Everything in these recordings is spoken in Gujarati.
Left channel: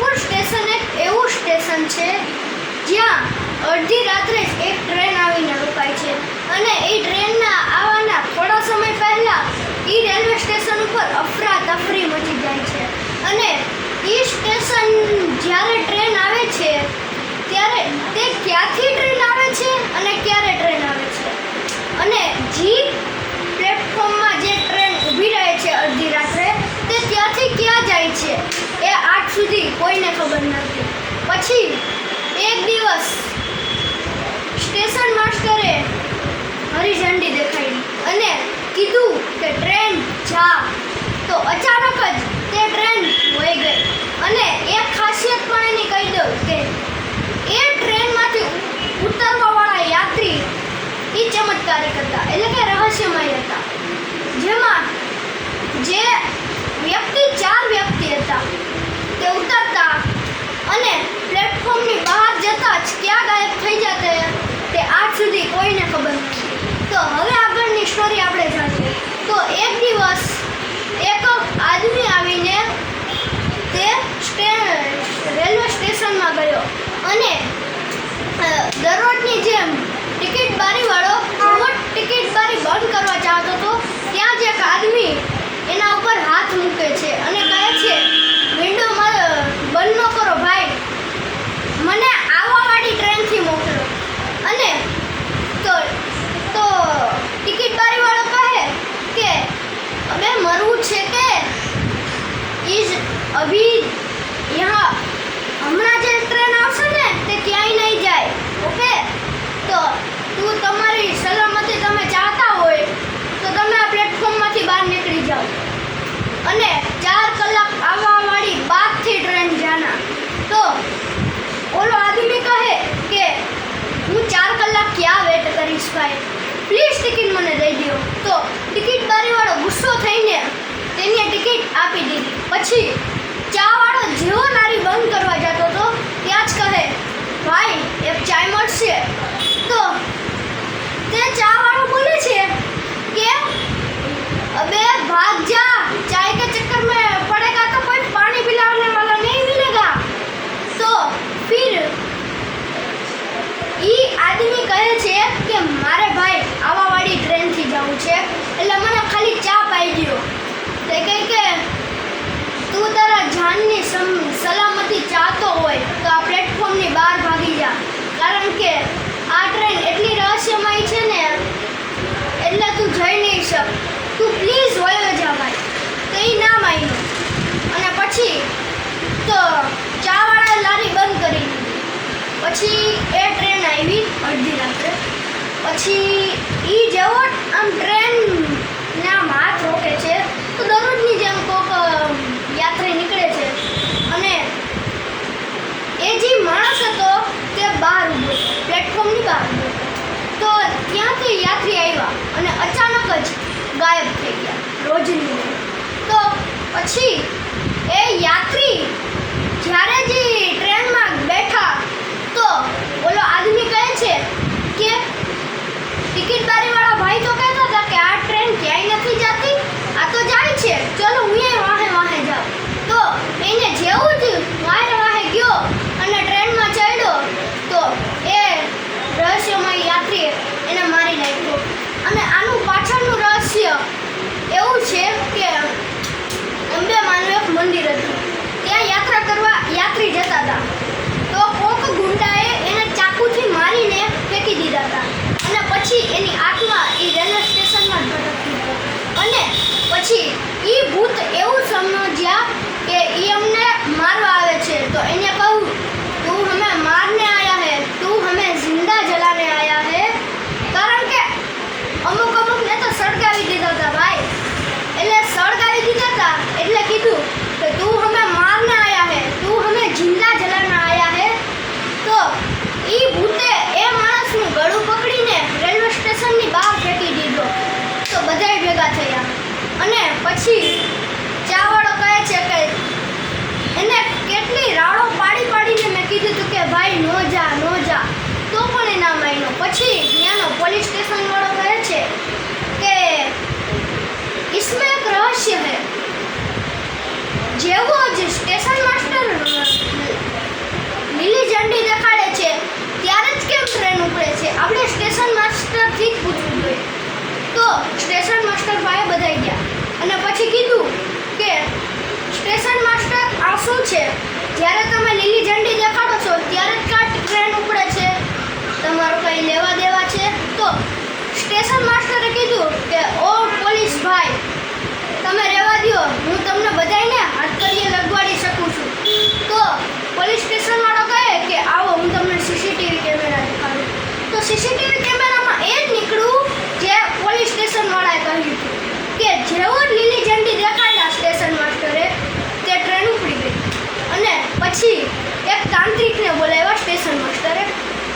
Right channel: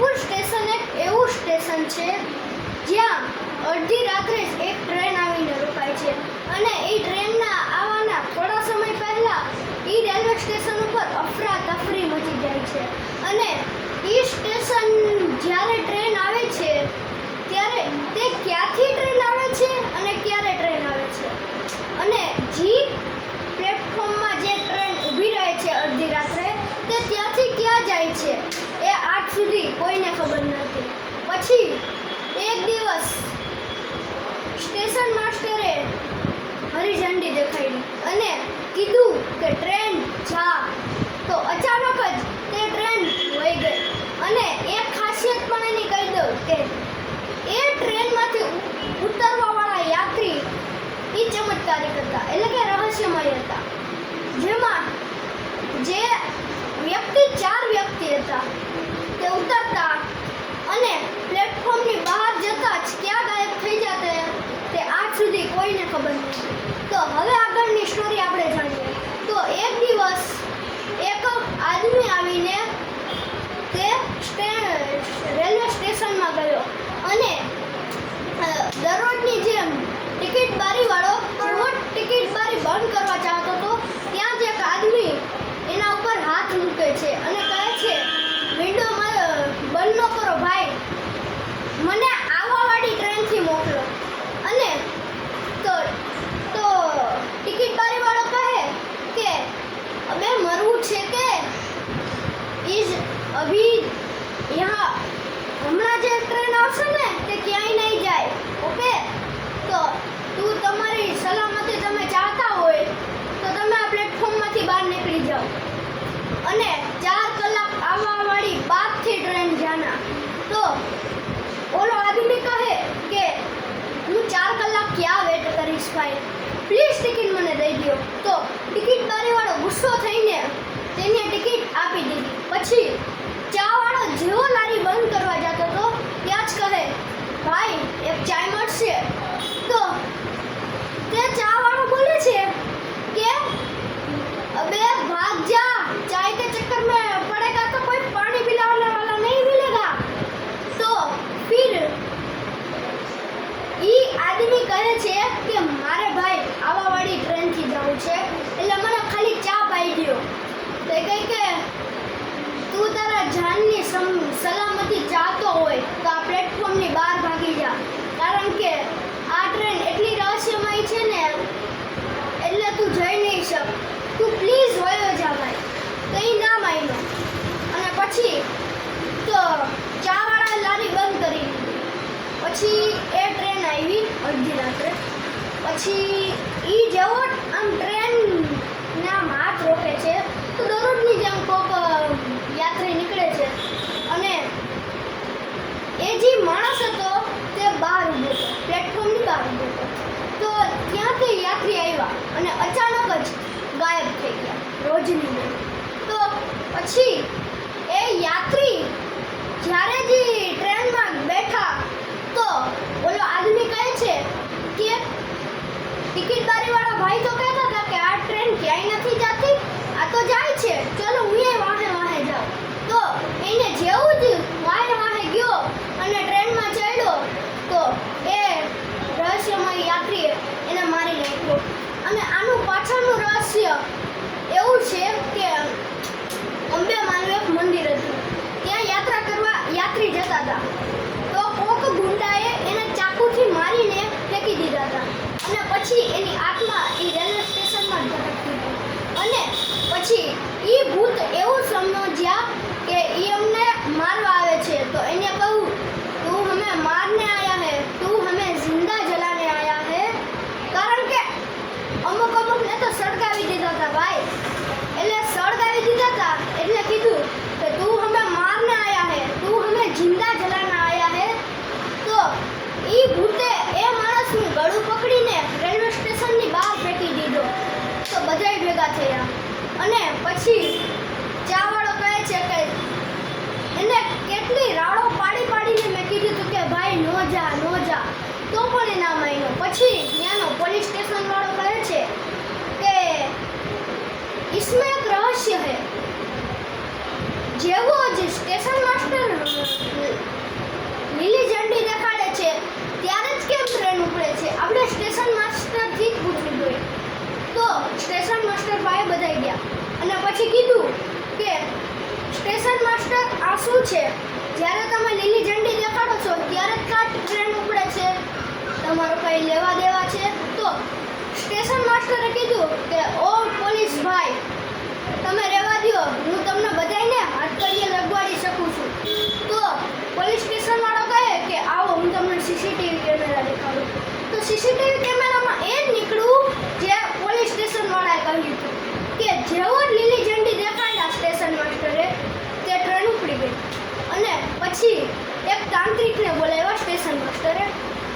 જયપુર સ્ટેશન એક એવું સ્ટેશન છે જ્યાં અડધી રાત્રે જ એક ટ્રેન આવીને રોકાય છે અને એ ટ્રેનના આવવાના થોડા સમય પહેલા એ રેલવે સ્ટેશન ઉપર અફરાતફરી મચી જાય છે અને એ સ્ટેશન જ્યારે ટ્રેન આવે છે ત્યારે તે ક્યાંથી ટ્રેન આવે છે અને ક્યારે ટ્રેન આવે છે અને જે પ્લેટફોર્મમાં જે ટ્રેન ઊભી રહે છે અડધી રાત્રે તે ત્યાંથી ક્યાં જાય છે એ આજ સુધી કોઈને ખબર નથી. પછી એક દિવસ સ્ટેશન માસ્ટરે હરીઝંડી દેખાડી અને કીધું કે ટ્રેન જા, તો અચાનક જ તે ટ્રેન વહી ગઈ. અને એક ખાસિયત પણ એની કહી દઉં કે એ ટ્રેનમાંથી ઉતરવાવાળા યાત્રી એ ચમત્કારિક હતા, એટલે કે રહસ્યમય હતા. જેમાં જે ચાર વ્યક્તિ હતા તે ઉતરતા અને પ્લેટફોર્મની બહાર જતા જ ક્યાં ગાયબ થઈ જતા તે આજ સુધી કોઈને ખબર નથી. તો હવે આગળની સ્ટોરી આપણે જાણીએ. તો એક દિવસ એક આદમી આવીને તે રેલવે સ્ટેશનમાં ગયો અને દરરોજની જેમ ટિકિટ બારીવાળો ટિકિટ બારી બંધ કરવા ચાહતો હતો ત્યાં જ એક આદમી એના ઉપર હાથ મૂકે છે અને કહે છે, વિન્ડો બંધ ન કરો ભાઈ, મને આવવાવાળી ટ્રેનથી મોકલો. અને તો ટિકિટ બારીવાળો કહે કે હવે મરવું છે કે ઇઝ અભી યહાં હમણાં જે ટ્રેન આવશે ને તે ક્યાંય નહીં જાય, ઓકે? તો તું તમારી સલામતી તમે ચાહતા હોય તો તમે આ પ્લેટફોર્મમાંથી બહાર નીકળી જાઓ અને 4 કલાક આવવાવાળી બાદથી ટ્રેન જાના. તો ઓલો આદમી કહે કે હું 4 કલાક ક્યાં વેટ કરીશ ભાઈ, પ્લીઝ ટિકિટ મને દઈ દો. તો ટિકિટ બારીવાળો ગુસ્સો થઈને તેને ટિકિટ આપી દીધી. પછી ચાવાળો જેવો લારી બંધ કરવા જતો હતો ત્યાં જ કહે, ભાઈ એક ચાય મળશે? તો તે ચાવાળો બોલે છે કે अबे भाग जा, चाय के चक्कर में पड़ेगा तो कोई पानी पिलाने वाला नहीं मिलेगा. तो फिर ઈ આદમી કહે છે કે મારે ભાઈ આવાવાળી ટ્રેનથી જવું છે એટલે મને ખાલી ચા પાઈ દો. તે કહે કે તું તારા જાનની સલામતી ચાહતો હોય તો આ પ્લેટફોર્મની બહાર ભાગી જા, કારણ કે આ ટ્રેન એટલી રહસ્યમય છે ને એટલે તું જઈ નહીં શક, તું પ્લીઝ વયો જા ભાઈ. તો એ ના માન્યો અને પછી તો ચાવાળાએ લારી બંધ કરી દીધી. પછી એ ટ્રેન આવી અડધી રાત્રે. પછી એ જેવો આમ ટ્રેનના હાથ રોકે છે તો દરરોજની જેમ કોક યાત્રી નીકળે છે અને એ જે માણસ હતો તે બહાર ઊભો હતો, પ્લેટફોર્મની બહાર ઊભો હતો. તો ત્યાંથી યાત્રી આવ્યા અને અચાનક જ ગાયબ થઈ ગયા રોજની જેમ. તો પછી એ યાત્રી જ્યારે જે ટ્રેનમાં બેઠા તો ઓલો આદમી કહે છે કે ટિકિટ બારીવાળા ભાઈ તો કહેતા હતા કે આ ટ્રેન ક્યાંય નથી જતી, આ તો જાય છે, ચલો હું એ વાહે જાઉં. તો એને જેવું જ વાહે ગયો અને ટ્રેનમાં ચડ્યો તો એ રહસ્યમય યાત્રી એને મારી નાખ્યો. અને આનું પાછળનું રહસ્ય એવું છે કે અંબે માનું એક મંદિર હતું, ત્યાં યાત્રા કરવા યાત્રી જતા હતા. તો કોક ગુંડાએ એને ચાકુથી મારીને ફેંકી દીધા હતા અને પછી એની આત્મા એ રેલવે સ્ટેશનમાં જ ભટકતી હતી. અને પછી એ ભૂત એવું સમજ્યા કે એ અમને મારવા આવે છે. તો એને કહું, તું હમે મારને આયા હે, તું હમે જિંદા જલાને આયા હે, કારણ કે અમુકને તો સળગાવી દીધા હતા ભાઈ. એટલે સળગાવી દીધા હતા એટલે કીધું કે તું હમે મારને આયા હે, તું હમે જિંદા જલાને આયા હે. તો એ ભૂતે એ માણસનું ગળું પકડીને રેલવે સ્ટેશનની બહાર ફેંકી દીધો. તો બધાય ભેગા થયા અને પછી ચાવાળો કહે છે કે એને કેટલી રાડો પાડીને મેં કીધું હતું કે ભાઈ નો જા તો પણ એ ના માન્યો. પછી ત્યાંનો પોલીસ સ્ટેશન વાળો કહે છે કે इसमें एक रहस्य है. જેવો જ સ્ટેશન માસ્ટર સ્ટેશન માસ્ટર ભાઈ બધાઈ ગયા અને પછી કીધું કે સ્ટેશન માસ્ટર આ શું છે? જ્યારે તમે લીલી ઝંડી દેખાડો છો ત્યારે જ કાં ટ્રેન ઉપડે છે, તમારું કંઈ લેવા દેવા છે? તો સ્ટેશન માસ્ટરે કીધું કે ઓ પોલીસ ભાઈ, તમે રહેવા દો, હું તમને બધાને હાથકડીએ લગવાડી શકું છું. તો પોલીસ સ્ટેશન વાળો કહે કે આવો હું તમને સીસીટીવી કેમેરા દેખાડું. તો સીસીટીવી કેમેરામાં એ જ નીકળ્યું જે પોલીસ સ્ટેશન વાળાએ કહ્યું હતું કે જેવો લીલી ઝંડી દેખાડ્યા સ્ટેશન માસ્ટરે તે ટ્રેન ઉપડી ગઈ. અને પછી એક તાંત્રિકને બોલાવ્યા સ્ટેશન માસ્ટરે.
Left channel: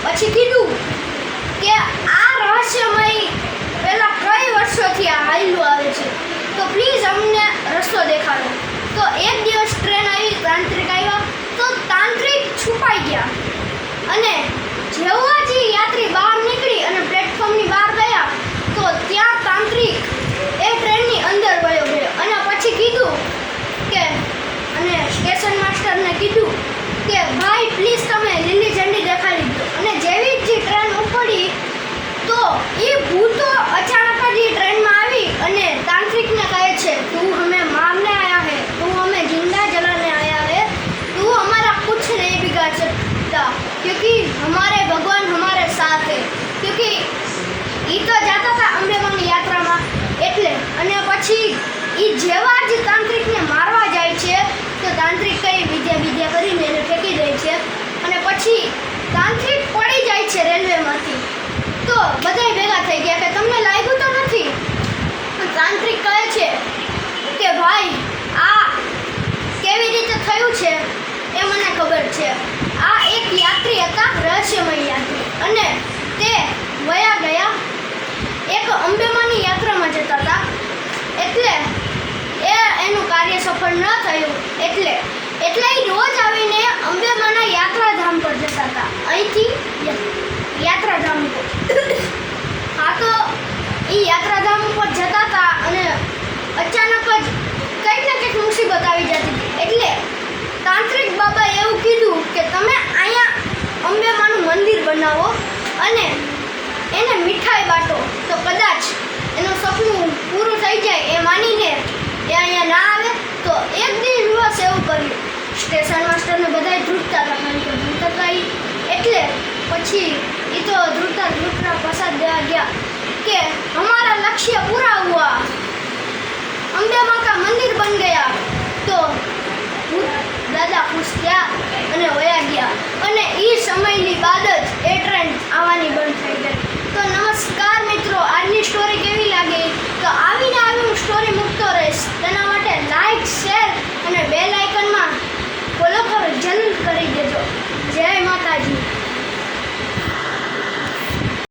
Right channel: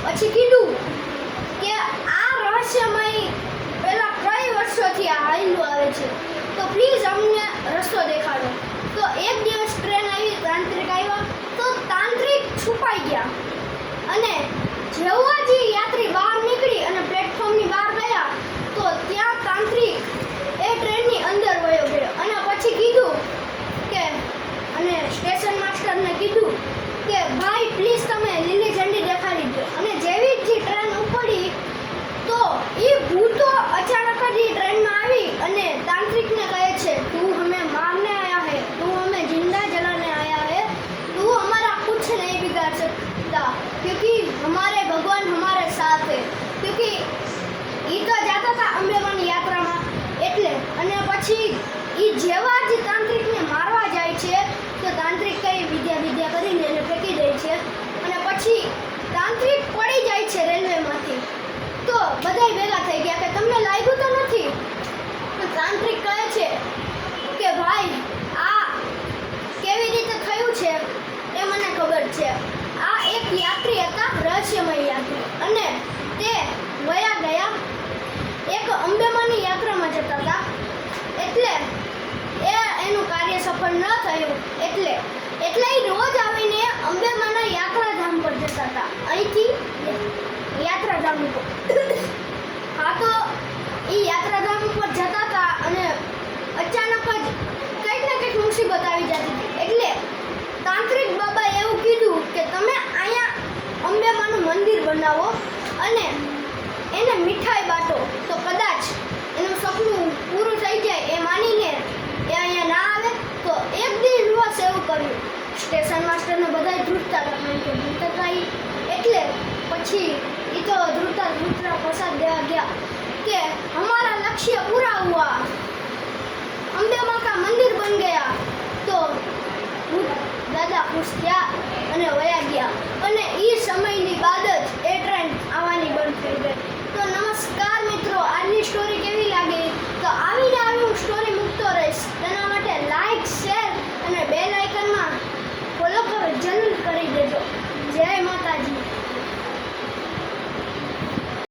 પછી કીધું કે આ રહસ્યમય પેલા કઈ વર્ષોથી આ હાલ્યું આવે છે, તો પ્લીઝ અમને રસ્તો દેખાડો. તો એક દિવસ ટ્રેન આવી, તાંત્રિક આવ્યા, તો તાંત્રિક છુપાઈ ગયા. અને જેવા જ યાત્રી બહાર નીકળી અને પ્લેટફોર્મની બહાર ગયા તો ત્યાં તાંત્રિક એ ટ્રેનની અંદર વયો ગયો. અને પછી કીધું કે અને સ્ટેશન માસ્ટરને કીધું કે ભાઈ પ્લીઝ તમે લીલી ઝંડી દેખાડી દો. અને જેવી જ ટ્રેન ઉપડી તો એ ભૂતો અચાનક જ એ ટ્રેનમાં આવી અને તાંત્રિકને કહે છે, તું હमें मारने आया है, तू हमें जिंदा जलाने आया है, तू हमारा कुछ नहीं बिगाड़ सकता क्योंकि हमारे भगवान हमारे साथ है. क्योंकि એ તો જાતા હતા અંબેમાની યાત્રામાં એટલે. અને પછી એ જેવા જ તાંત્રિકને મારવા જાય છે તો તાંત્રિક કઈ વિદ્યા કરીને એને ફેંકી દે છે. અને પછી તાંત્રિક પડી જાય છે રેલવેમાંથી. તો બધાય ભેગા થઈ ગયા કે તમને લાગ્યું તો નથી? તાંત્રિક કહે છે કે ભાઈ આ કેવી રીતે થયું છે એ મને ખબર છે. આ એક યાત્રી હતા, રહસ્યમય યાત્રી, અને તે વયા ગયા એક અંબેમાની યાત્રામાં જતા હતા. એટલે એનું કાર્ય સફળ ન થયું. એટલે એ રોજ આવીને અંબેમાના યાત્રાધામ પર જતા હતા, અહીંથી યાત્રાધામ ઉપર. હા, તો એ યાત્રાધામ ઉપર જતા હતા અને અચાનક જ કંઈક ને કંઈક મુસીબત આવી જતી હતી. એટલે તાંત્રિક બાબાએ એવું કીધું કે તમે અહીંયા અંબેમાનું મંદિર બનાવો અને એને મીઠાઈ બાટો, તો કદાચ એનું સપનું પૂરું થઈ જાય એ માનીને એ અહીંયા ના આવે. તો એક દિવસ એવું કર્યું. સ્ટેશન માસ્ટરને બધા ધ્રુજતા હતા, કારણ કે ધ્રુજતા એટલે પછી એ તો ધ્રુજતા પ્રસાદ દેવા ગયા કે હમારા લક્ષ્ય પૂરા હુઆ, અંબે માँ का मंदिर बन गया. તો દાદા ખુશ થયા અને વયા ગયા. અને